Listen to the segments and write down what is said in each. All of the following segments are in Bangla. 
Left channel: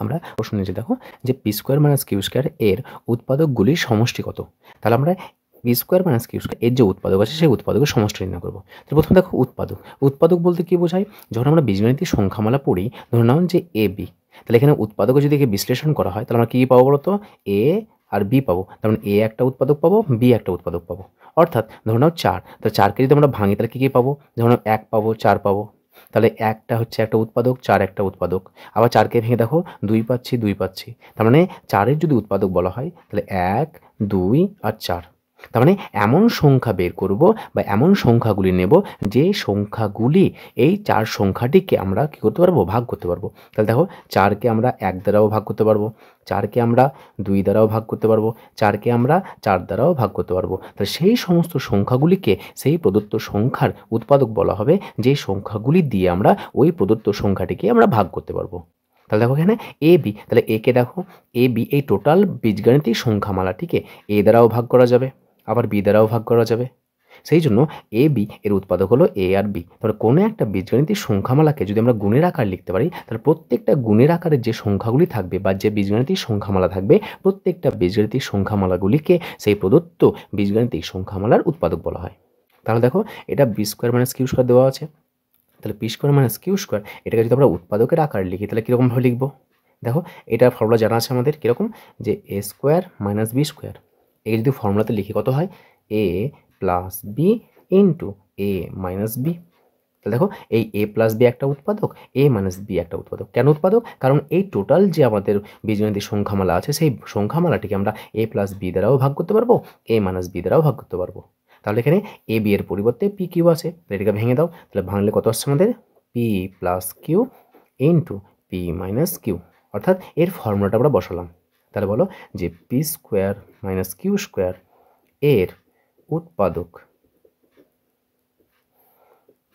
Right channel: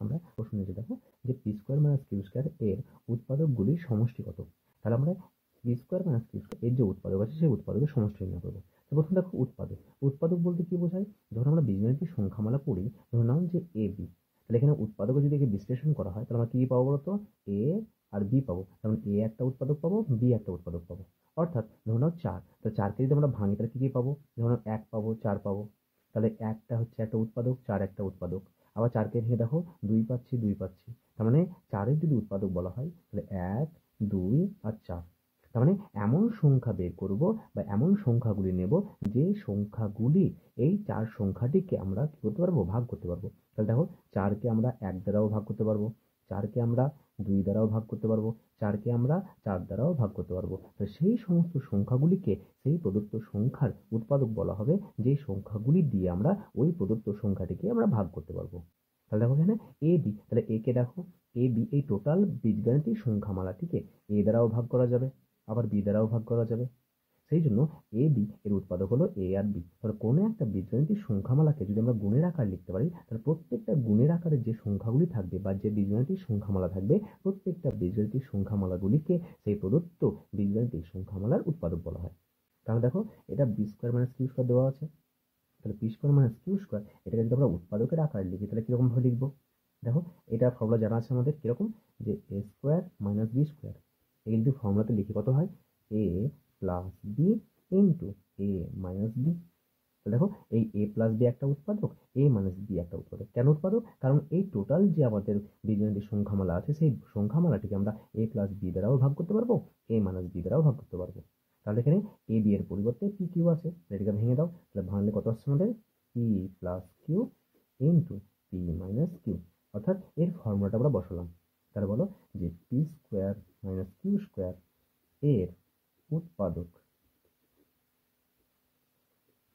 আমরা প্রশ্ন নিয়েছি দেখো যে P square minus Q square এর উৎপাদকগুলির সমষ্টি কত। তাহলে আমরা P square minus Q square এর যে উৎপাদক আছে সেই উৎপাদকের সমষ্টি নির্ণয় করবো। তো প্রথমে দেখো উৎপাদক, উৎপাদক বলতে কি বোঝায়, যখন আমরা বীজগণিতের সংখ্যামালা পড়ি ধরে নাও যে এ বি, তাহলে এখানে উৎপাদকে যদি একে বিশ্লেষণ করা হয় তাহলে আমরা কী পাবো বলতো, এ আর বি পাবো। তার মানে এ একটা উৎপাদক পাবো, বি একটা উৎপাদক পাবো। অর্থাৎ ধরে নাও চার, তো চারকে যদি আমরা ভাঙি তাহলে কী কী পাবো, যেমন এক পাবো, চার পাবো। তাহলে একটা হচ্ছে একটা উৎপাদক, চার একটা উৎপাদক। আবার চারকে ভেঙে দেখো দুই পাচ্ছি, দুই পাচ্ছি। তার মানে চারের যদি উৎপাদক বলা হয় তাহলে এক, দুই আর চার। তার মানে এমন সংখ্যা বের করব বা এমন সংখ্যাগুলি নেব যে সংখ্যাগুলি এই চার সংখ্যাটিকে আমরা কী করতে পারবো, ভাগ করতে পারবো। তাহলে দেখো চারকে আমরা এক দ্বারাও ভাগ করতে পারবো, চারকে আমরা দুই দ্বারাও ভাগ করতে পারবো, চারকে আমরা চার দ্বারাও ভাগ করতে পারবো। তাহলে সেই সমস্ত সংখ্যাগুলিকে সেই প্রদত্ত সংখ্যার উৎপাদক বলা হবে, যে সংখ্যাগুলি দিয়ে আমরা ওই প্রদত্ত সংখ্যাটিকে আমরা ভাগ করতে পারবো। তাহলে দেখো এখানে এ বি, তাহলে একে দেখো এ বি এই টোটাল বীজগাণিতিক সংখ্যামালাটিকে এ দ্বারাও ভাগ করা যাবে, আবার বি দ্বারাও ভাগ করা যাবে। সেই জন্য এ বি এর উৎপাদক হলো এ আর বি। তাহলে কোনো একটা বীজগাণিতিক সংখ্যামালাকে যদি আমরা গুণের আকার লিখতে পারি তাহলে প্রত্যেকটা গুণের আকারের যে সংখ্যাগুলি থাকবে বা যে বীজগাণিতিক সংখ্যামালা থাকবে প্রত্যেকটা বীজগাণিতিক সংখ্যামালাগুলিকে সেই প্রদত্ত বীজগাণিতিক সংখ্যামালার উৎপাদক বলা হয়। তাহলে দেখো এটা B square minus Q square দেওয়া আছে, তাহলে P square minus Q square এটাকে যদি আমরা উৎপাদকের আকারে লিখি তাহলে কীরকমভাবে লিখবো, দেখো এটার ফর্মুলা জানা আছে আমাদের কীরকম, যে এ স্কোয়ার মাইনাস বি স্কোয়ার। এই যদি ফর্মুলাতে লিখি কত হয়, এ প্লাস বি ইন্টু এ মাইনাস বি। তাহলে দেখো এই এ প্লাস বি একটা উৎপাদক, এ মাইনাস বি একটা উৎপাদক। কেন উৎপাদক, কারণ এই টোটাল যে আমাদের বীজগণিতের সংখ্যামালা আছে সেই সংখ্যামালাটিকে আমরা এ প্লাস বি দ্বারাও ভাগ করতে পারবো, এ মাইনাস বি দ্বারাও ভাগ করতে পারবো। তাহলে এখানে এ বি এর পরিবর্তে পি কিউ আছে, এটাকে ভেঙে দাও, তাহলে ভাঙলে কত আসছে আমাদের, P plus Q into P minus Q. অর্থাৎ এর ফর্মুলাটা আমরা বসালাম। তাহলে বলো যে P square minus Q square এর উৎপাদক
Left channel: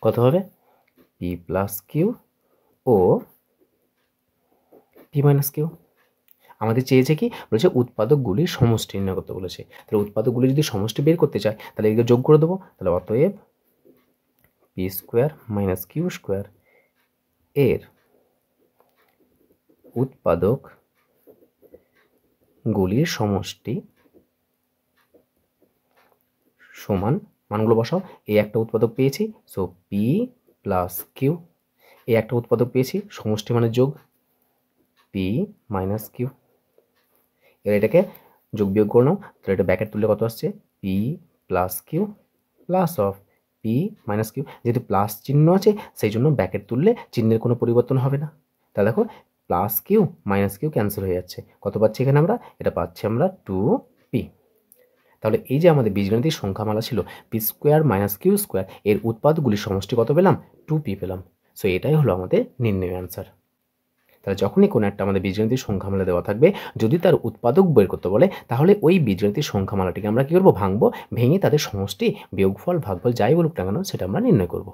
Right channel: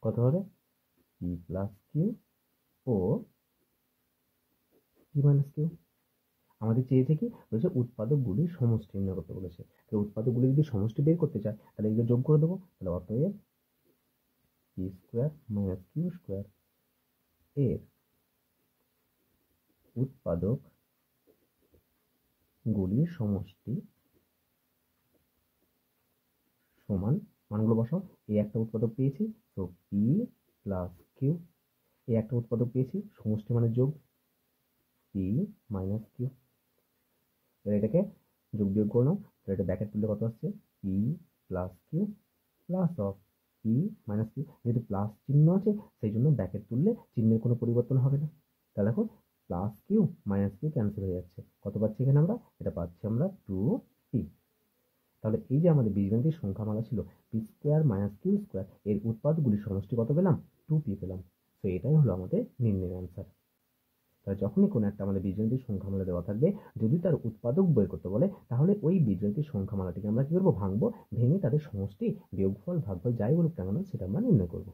কত হবে, পি প্লাস কিউ ও পি মাইনাস কিউ। আমাদের চেয়েছে কি, বলেছে উৎপাদকগুলির সমষ্টি নির্ণয় করতে বলেছে। তাহলে উৎপাদকগুলি যদি সমষ্টি বের করতে চায় তাহলে এদিকে যোগ করে দেবো। তাহলে অতএব P square minus Q square এর উৎপাদক গুলির সমষ্টি সমান, মানগুলো বসাও, এ একটা উৎপাদক পেয়েছি, সো পি প্লাস কিউ, এ একটা উৎপাদক পেয়েছি, সমষ্টি মানে যোগ, পি মাইনাস কিউ। এবার এটাকে যোগ বিয়োগ করে নাও, তাহলে এটা ব্যাকেট তুললে কত আসছে, P plus Q plus of P minus Q. যেহেতু প্লাস চিহ্ন আছে সেই জন্য ব্যাকেট তুললে চিহ্নের কোনো পরিবর্তন হবে না। তাহলে দেখো plus Q minus Q cancel হয়ে যাচ্ছে, কত পাচ্ছি এখানে আমরা, এটা পাচ্ছি আমরা 2p। তাহলে এই যে আমাদের বীজগণিতিক সংখ্যামালা ছিল P square minus Q square এর উৎপাদকগুলির সমষ্টি কত পেলাম, 2p পেলাম। সো এটাই হলো আমাদের নির্ণয় অ্যান্সার। তাহলে যখনই কোনো একটা আমাদের বীজগণিতিক সংখ্যামালা দেওয়া থাকবে, যদি তার উৎপাদক বের করতে বলে তাহলে ওই বীজগণিতিক সংখ্যামালাটিকে আমরা কী করবো, ভাঙবো, ভেঙে তাদের সমষ্টি, বিয়োগফল, ভাগফল যাই বলুক না কেন সেটা আমরা নির্ণয় করবো।